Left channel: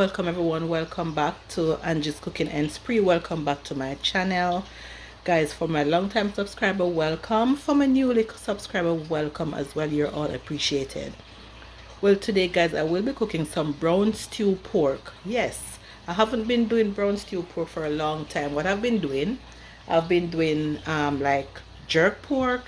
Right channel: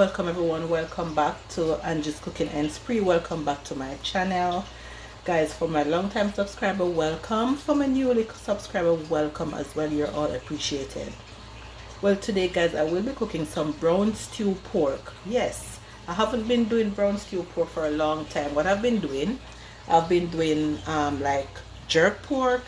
Welcome everyone, welcome back to Angie's Cooking and Spree. Welcome back to my channel. Guys, for my long time subscriber, welcome. For my newly subscriber, welcome as well. You're all appreciated. Well, today guys, I will be cooking some brown stew pork. Yes, I haven't been doing brown stew pork for a long time. What I've been doing like jerk pork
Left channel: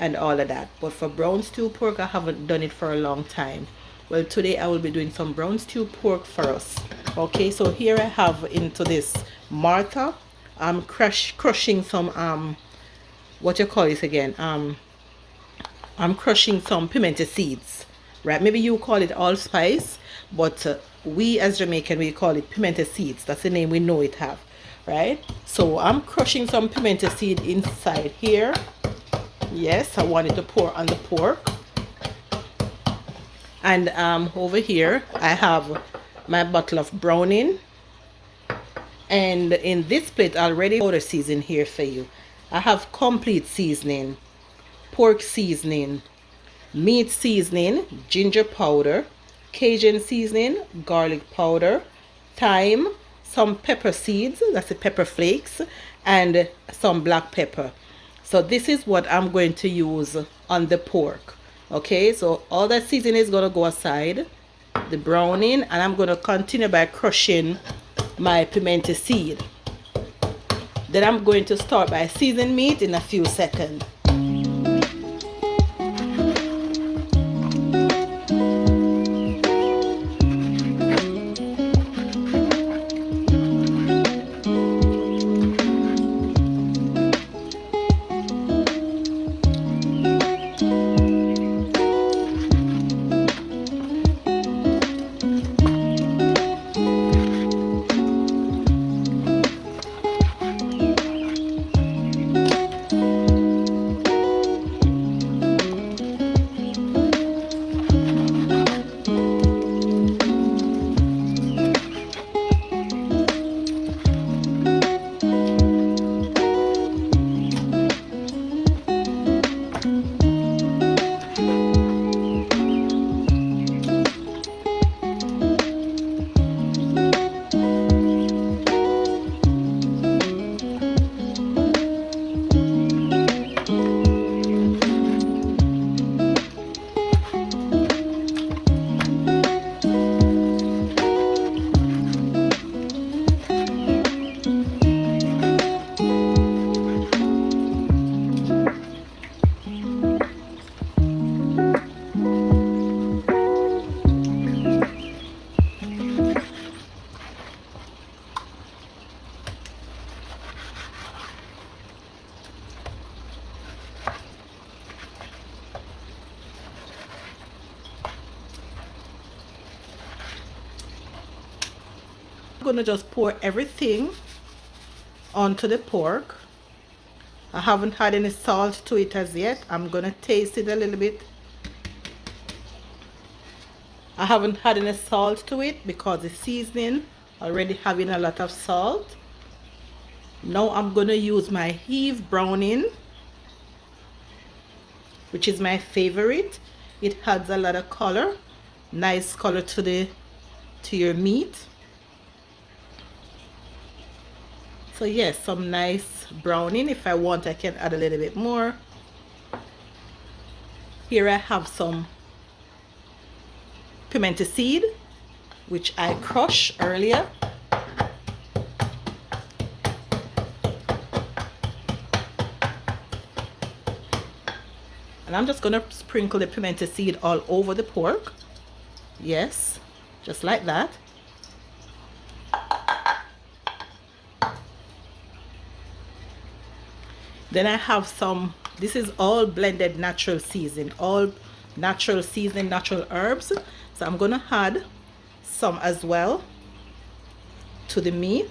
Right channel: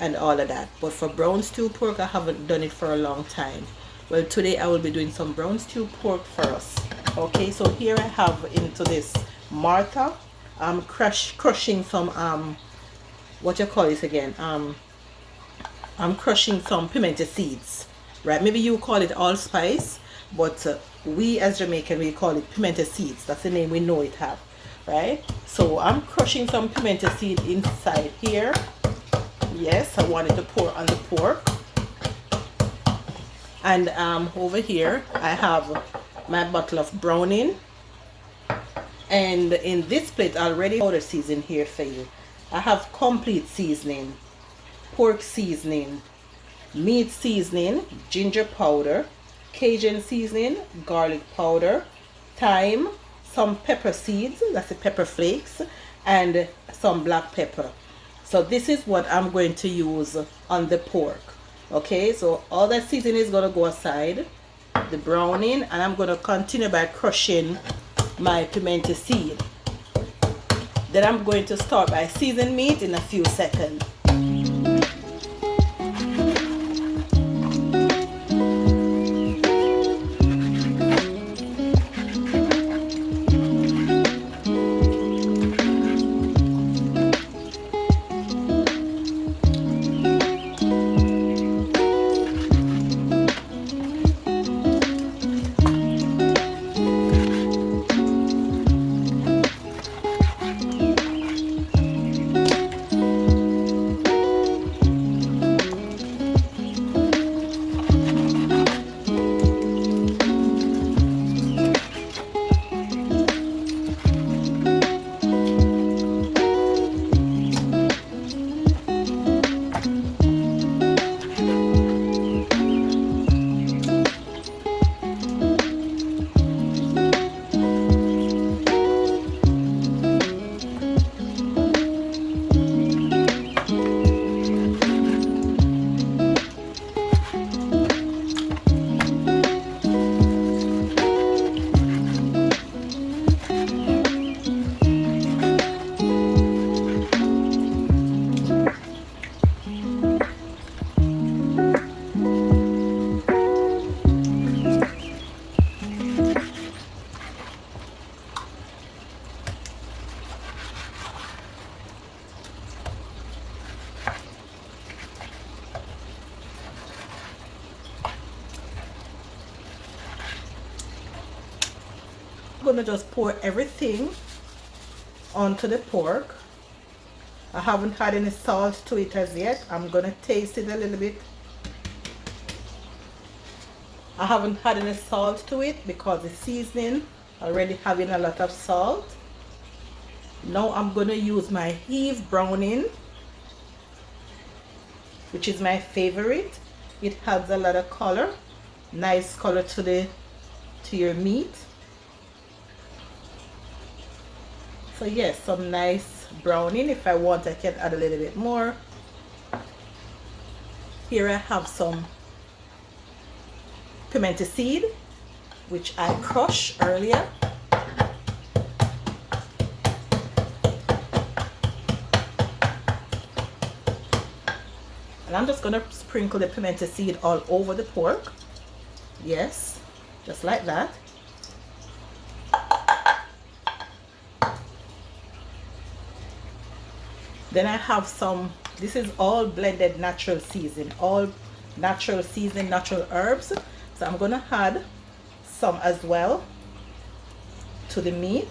and all of that, but for brown stew pork I haven't done it for a long time. Well, today I will be doing some brown stew pork for us. Okay, so here I have into this Martha, I'm crushing some what you call this again, I'm crushing some pimento seeds, right? Maybe you call it allspice, but we as Jamaican, we call it pimento seeds. That's the name we know it have, right? So I'm crushing some pimento seed inside here. Yes, I wanted to pour on the pork. And over here I have my bottle of browning, and in this plate already powder season here for you. I have complete seasoning, pork seasoning, meat seasoning, ginger powder, Cajun seasoning, garlic powder, thyme, some pepper seeds, that's the pepper flakes, and some black pepper. So this is what I'm going to use on the pork. Okay, so all that seasoning is going to go aside, the browning, and I'm going to continue by crushing my pimento seed. Then I'm going to start by seasoning meat in a few seconds. I'm gonna just pour everything onto the pork. I haven't had any salt to it as yet. I'm gonna taste it a little bit. I haven't had any salt to it because the seasoning already having a lot of salt. Now I'm gonna use my Heave browning, which is my favorite. It adds a lot of color, nice color to your meat. So yes, some nice browning. If I want, I can add a little bit more. Here I have some pimento seed, which I crushed earlier. And I'm just gonna sprinkle the pimento seed all over the pork. Yes, just like that. Then I have some, this is all blended natural season, all natural season, natural herbs. So I'm gonna add some as well to the meat.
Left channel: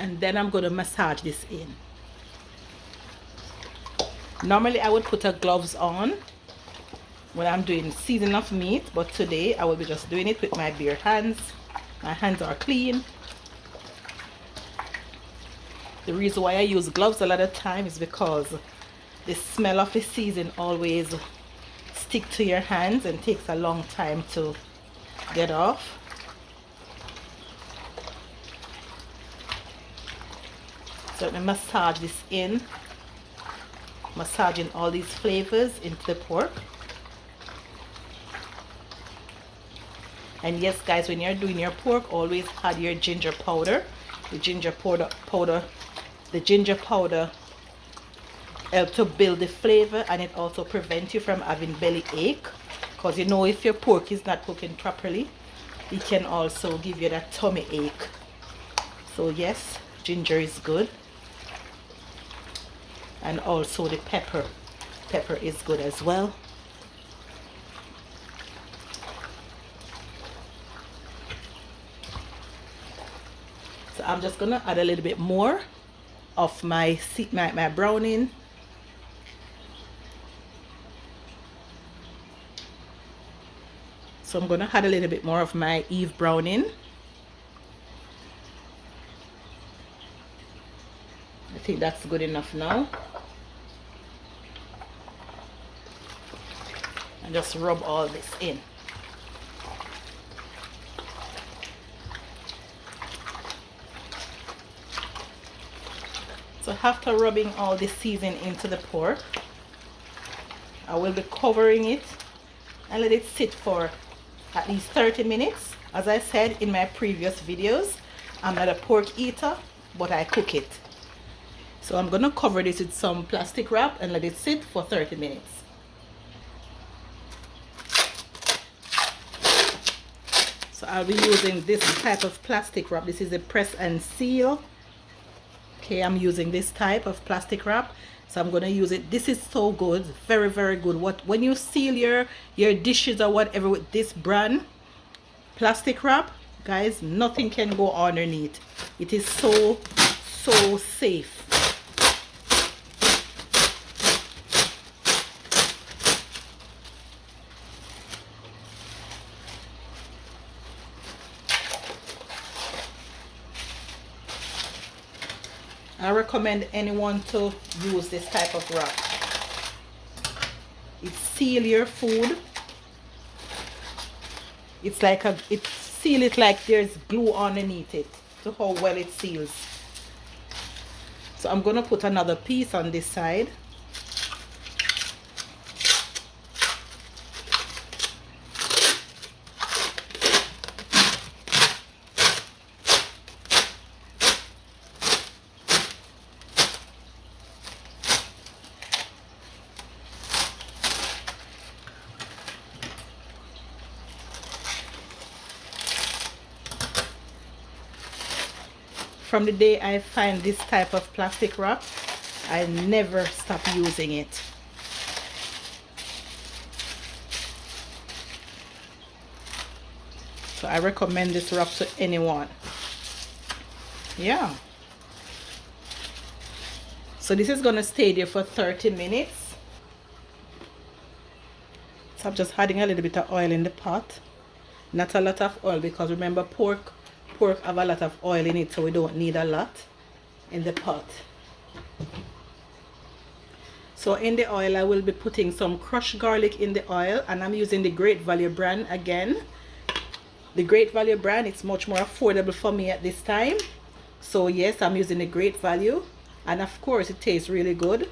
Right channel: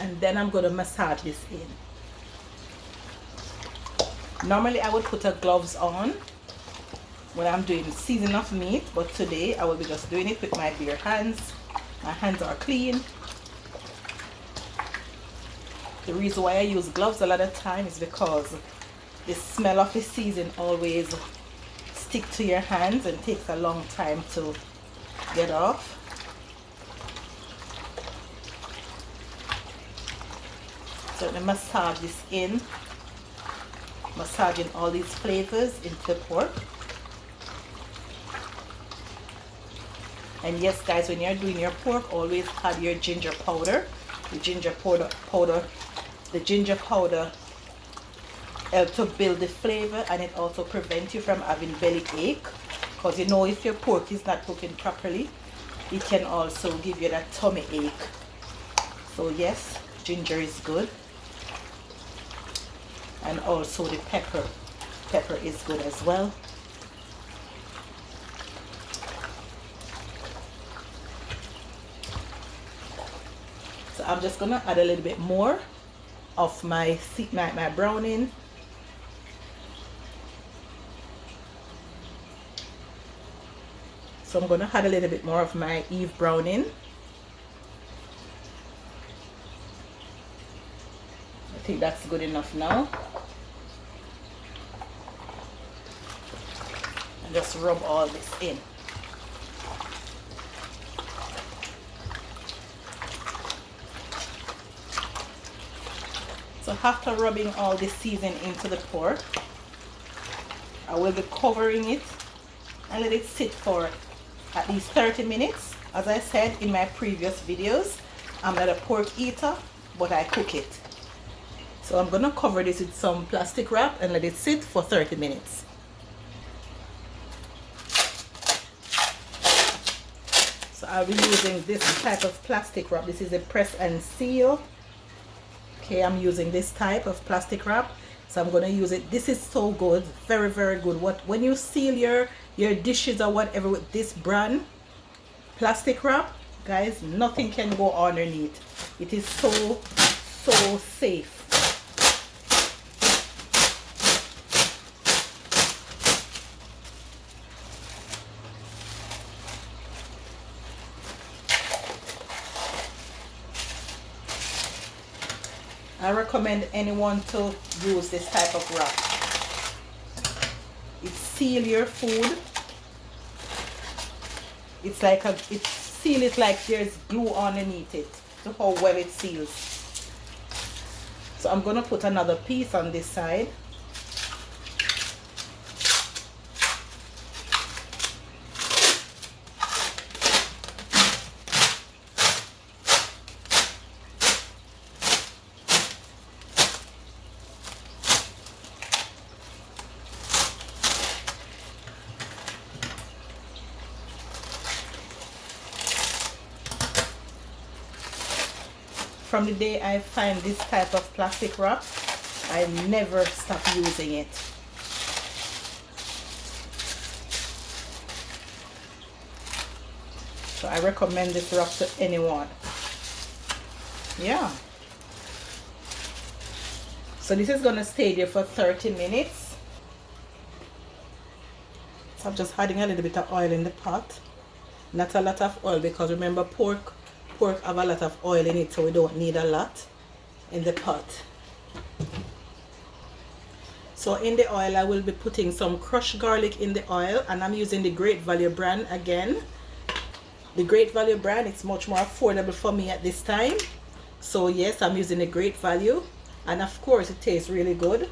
And then I'm gonna massage this in. Normally I would put a gloves on when I'm doing seasoning of meat, but today I will be just doing it with my bare hands. My hands are clean. The reason why I use gloves a lot of time is because the smell of the season always stick to your hands and takes a long time to get off. So let me massage this in, massaging all these flavors into the pork. And yes guys, when you're doing your pork, always add your ginger powder. The ginger powder helps to build the flavor, and it also prevents you from having belly ache, because you know if your pork is not cooking properly, it can also give you that tummy ache. So yes, ginger is good. And also the pepper is good as well. So I'm just gonna add a little bit more of my browning. So I'm gonna add a little bit more of my Eve browning. I think that's good enough now. And just rub all this in. So after rubbing all this seasoning into the pork, I will be covering it and let it sit for at least 30 minutes. As I said in my previous videos, I'm not a pork eater, but I cook it. So I'm gonna cover this with some plastic wrap and let it sit for 30 minutes. So I'll be using this type of plastic wrap. This is a press and seal. Okay, I'm using this type of plastic wrap. So I'm gonna use it. This is so good, very, very good. When you seal your dishes or whatever with this brand plastic wrap, guys, nothing can go underneath. It is so safe. I recommend anyone to use this type of wrap. It seals your food. It's like it seals it like there's glue underneath it. Look how well it seals. So I'm gonna put another piece on this side. From the day I find this type of plastic wrap, I never stop using it. So I recommend this wrap to anyone. Yeah. So this is gonna stay there for 30 minutes. So I'm just adding a little bit of oil in the pot. Not a lot of oil, because remember pork have a lot of oil in it, so we don't need a lot in the pot. So in the oil I will be putting some crushed garlic in the oil, and I'm using the Great Value brand again. The Great Value brand, it's much more affordable for me at this time. So yes, I'm using the Great Value, and of course it tastes really good.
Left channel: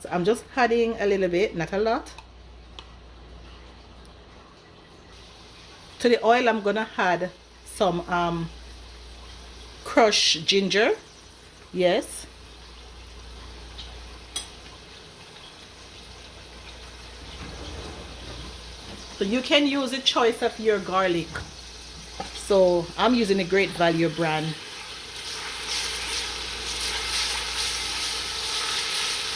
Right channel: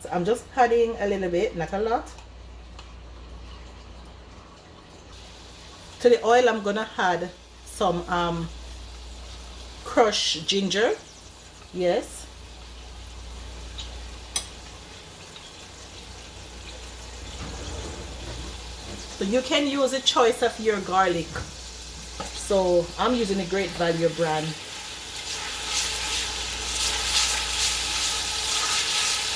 So I'm just adding a little bit, not a lot. To the oil I'm gonna add some crushed ginger. Yes. So you can use a choice of your garlic. So I'm using a Great Value brand.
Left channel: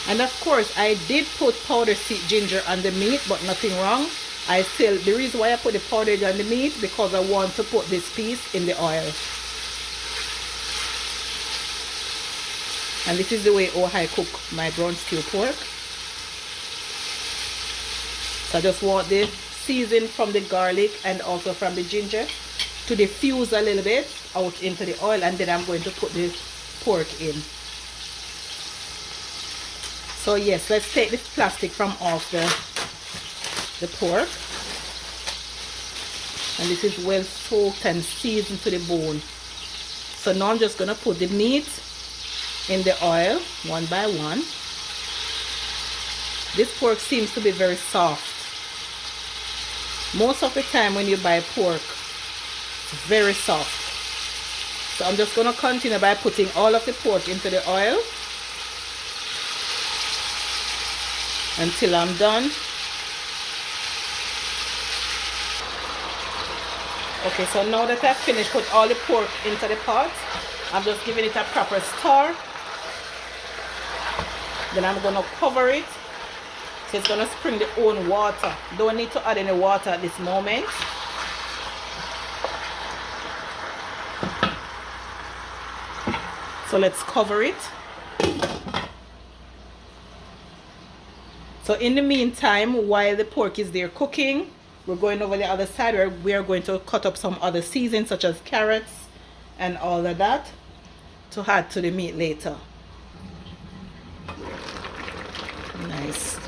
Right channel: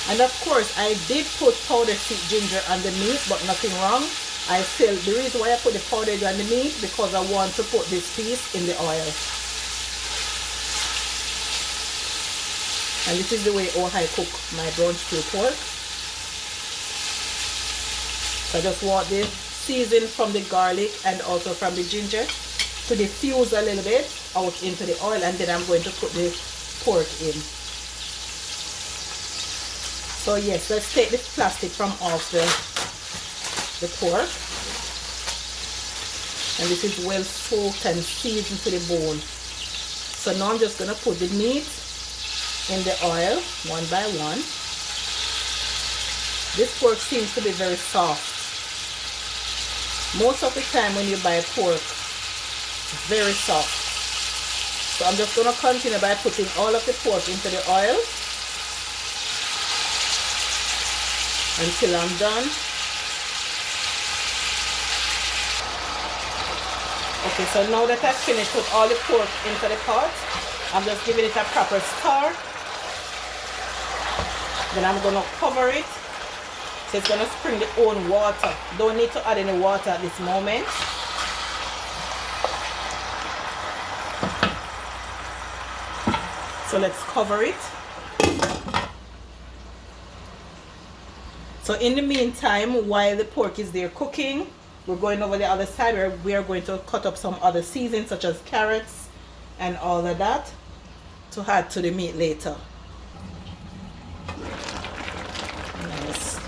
And of course I did put powdered sweet ginger on the meat, but nothing wrong. The reason why I put the powder on the meat, because I want to put this piece in the oil. And this is the way I cook my brown stew pork. So I just want the season from the garlic and also from the ginger to diffuse a little bit out into the oil, and then I'm going to put the pork in. So yes, let's take the plastic from off the pork. And this is well soaked and seasoned to the bone. So now I'm just going to put the meat in the oil one by one. This pork seems to be very soft. Most of the time when you buy pork, it's very soft. So I'm just going to continue by putting all of the pork into the oil until I'm done. Okay, so now that I've finished with all the pork into the pot, I'm just giving it a proper stir. Then I'm going to cover it. So it's going to spring the own water. Don't need to add any water at this moment. So let's cover it. So in the meantime, while the pork is there cooking, we're going over the other side where we are going to cut up some other seasonings such as carrots and all of that to add to the meat later. Nice.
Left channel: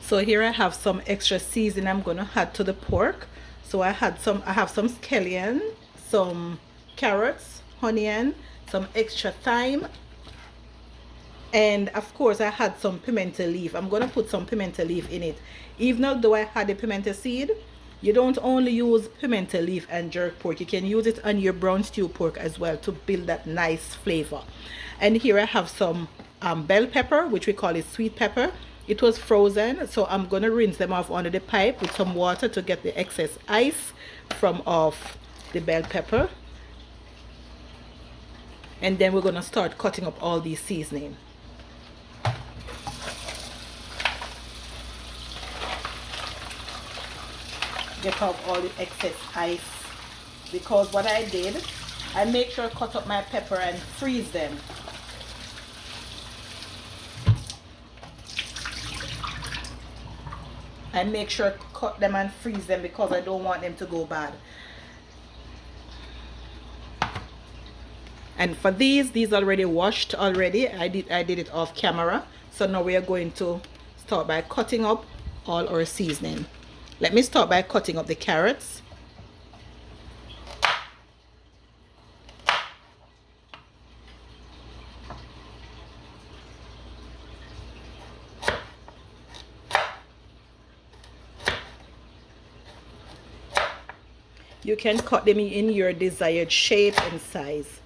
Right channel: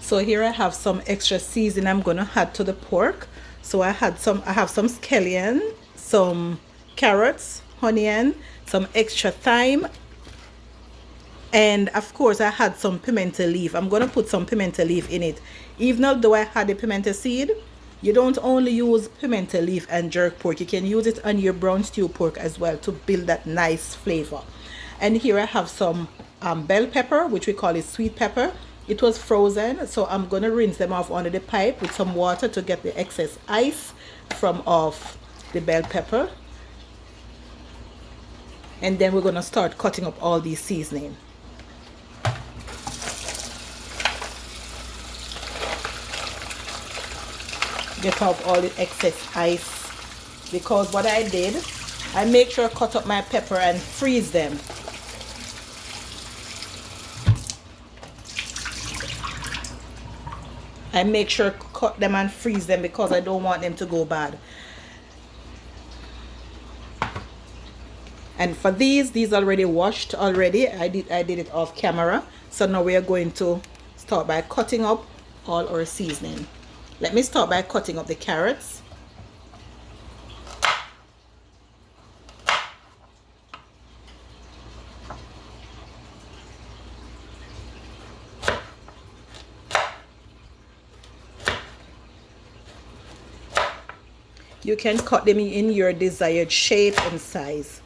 So here I have some extra seasoning I'm gonna add to the pork. So I have some scallion, some carrots, onion, some extra thyme, and of course I had some pimento leaf. I'm gonna put some pimento leaf in it. Even though I had a pimento seed, you don't only use pimento leaf and jerk pork. You can use it on your brown stew pork as well to build that nice flavor. And here I have some bell pepper, which we call it sweet pepper. It was frozen, so I'm going to rinse them off under the pipe with some water to get the excess ice from off the bell pepper. And then we're going to start cutting up all these seasoning. Get off all the excess ice, because what I did, I make sure I cut up my pepper and freeze them. I make sure I cut them and freeze them because I don't want them to go bad. And for these already washed already. I did it off camera. So now we are going to start by cutting up all our seasoning. Let me start by cutting up the carrots. You can cut them in your desired shape and size.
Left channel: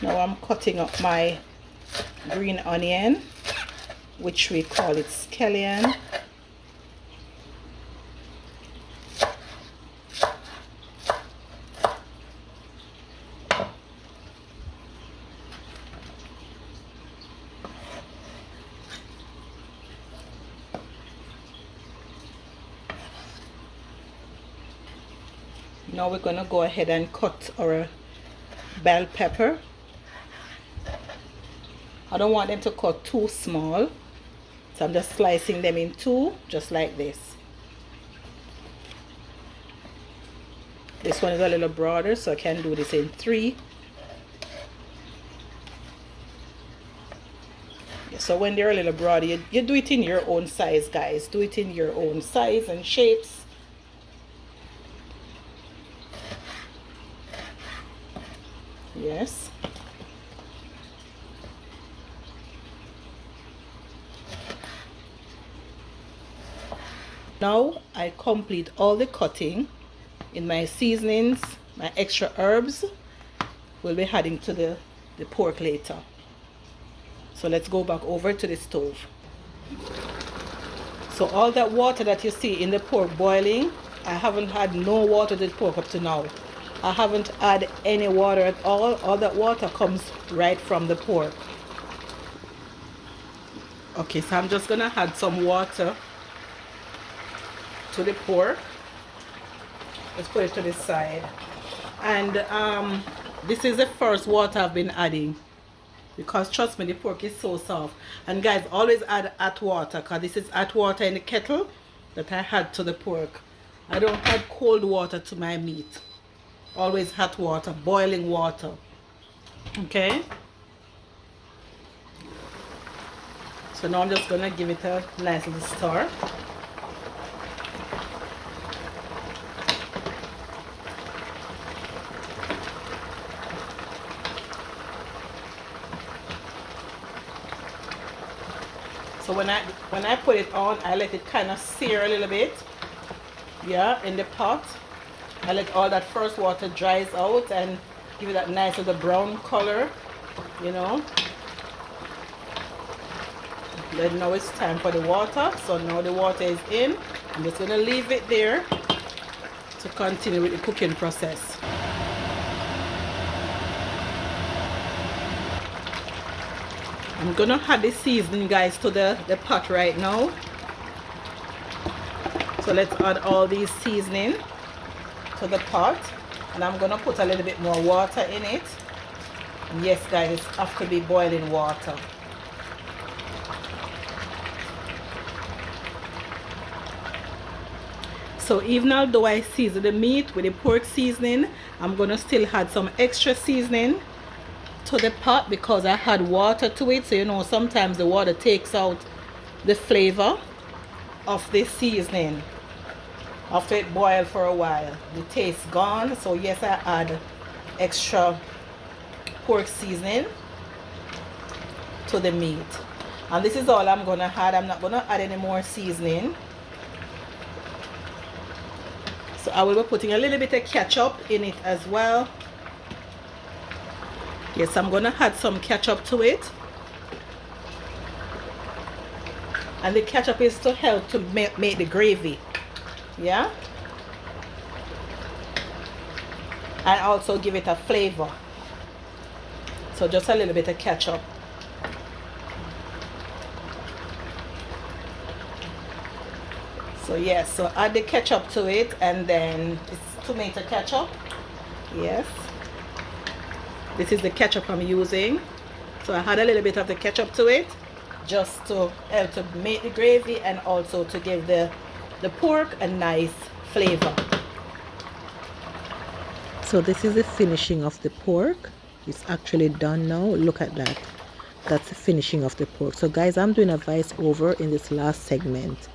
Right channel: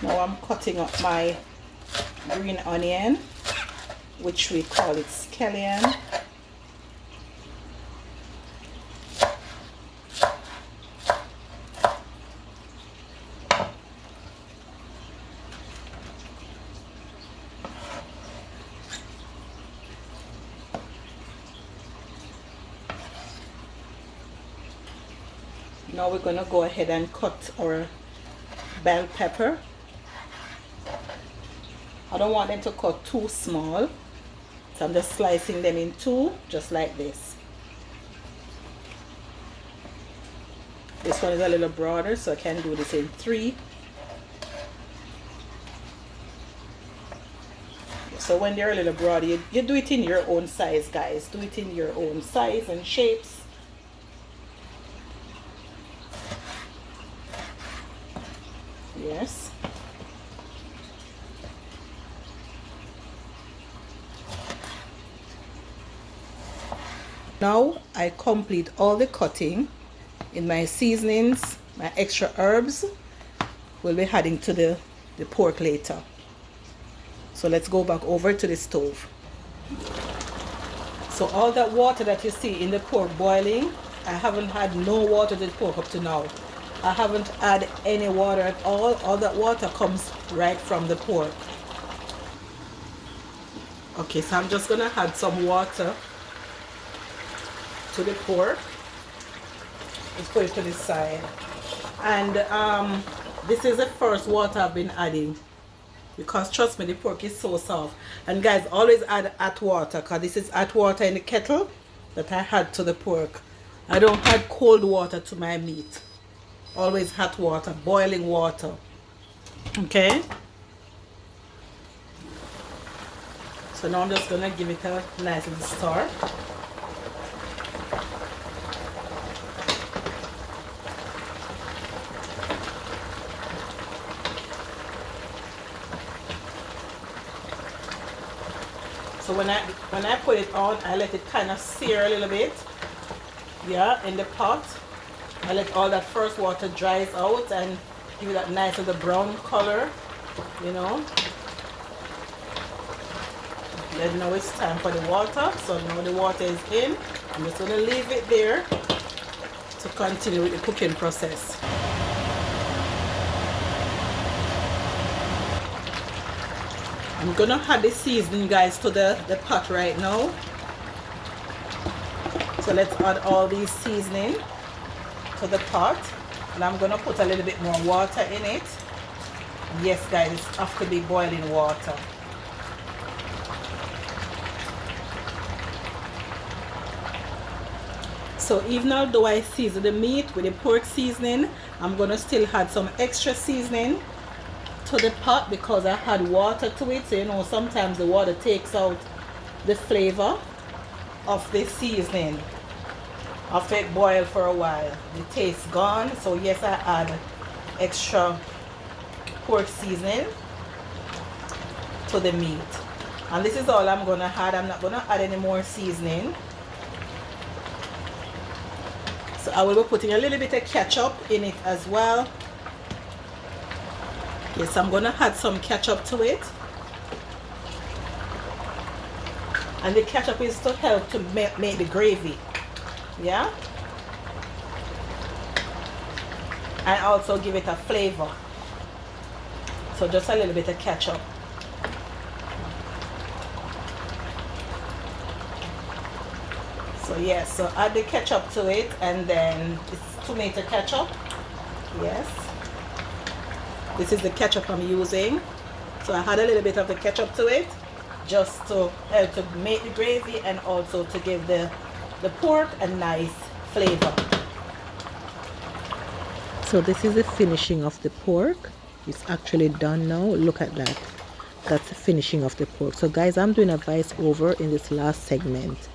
Now I'm cutting up my green onion, which we call it scallion. Now we're gonna go ahead and cut our bell pepper. I don't want them to cut too small, so I'm just slicing them in two, just like this. This one is a little broader, so I can do this in three. So when they're a little broader, you do it in your own size, guys. Do it in your own size and shapes. Yes. Now I complete all the cutting in my seasonings. My extra herbs will be adding to the pork later. So let's go back over to the stove. So all that water that you see in the pork boiling, I haven't had no water to the pork up to now. I haven't added any water at all. All that water comes right from the pork. Okay, so I'm just gonna add some water to the pork. Let's put it to this side. And this is the first water I've been adding, because trust me, the pork is so soft. And guys, always add hot water, because this is hot water in the kettle that I had to the pork. I don't add cold water to my meat. Always hot water, boiling water. Okay, so now I'm just gonna give it a nice little stir. So when I put it on, I let it kind of sear a little bit, yeah, in the pot. I let all that first water dries out and give it that nice little brown color, you know. Then now it's time for the water. So now the water is in. I'm just gonna leave it there to continue with the cooking process. I'm gonna add the seasoning, guys, to the pot right now. So let's add all these seasoning to the pot, and I'm gonna put a little bit more water in it. Yes, guys, it has to be boiling water. So even although I season the meat with the pork seasoning, I'm gonna still add some extra seasoning to the pot, because I had water to it. So you know, sometimes the water takes out the flavor of the seasoning after it boiled for a while. The taste gone. So yes, I add extra pork seasoning to the meat, and this is all I'm gonna add. I'm not gonna add any more seasoning. So I will be putting a little bit of ketchup in it as well. Yes, I'm gonna add some ketchup to it, and the ketchup is to help to make the gravy, yeah, and also give it a flavor. So just a little bit of ketchup. So yes, so add the ketchup to it, and then it's tomato ketchup. Yes, this is the ketchup I'm using. So I add a little bit of the ketchup to it, just to help to make the gravy and also to give the pork a nice flavor. So this is the finishing of the pork. It's actually done now. Look at that. That's the finishing of the pork. So guys, I'm doing a voice over in this last segment.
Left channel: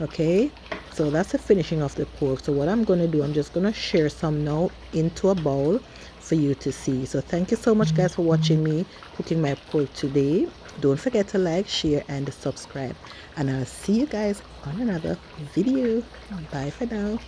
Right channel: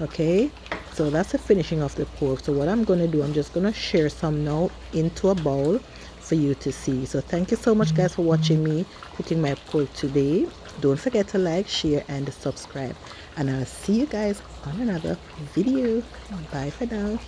Okay, so that's the finishing of the pork. So what I'm going to do, I'm just going to share some now into a bowl for you to see. So thank you so much, guys, for watching me cooking my pork today. Don't forget to like, share, and subscribe, and I'll see you guys on another video. Bye for now.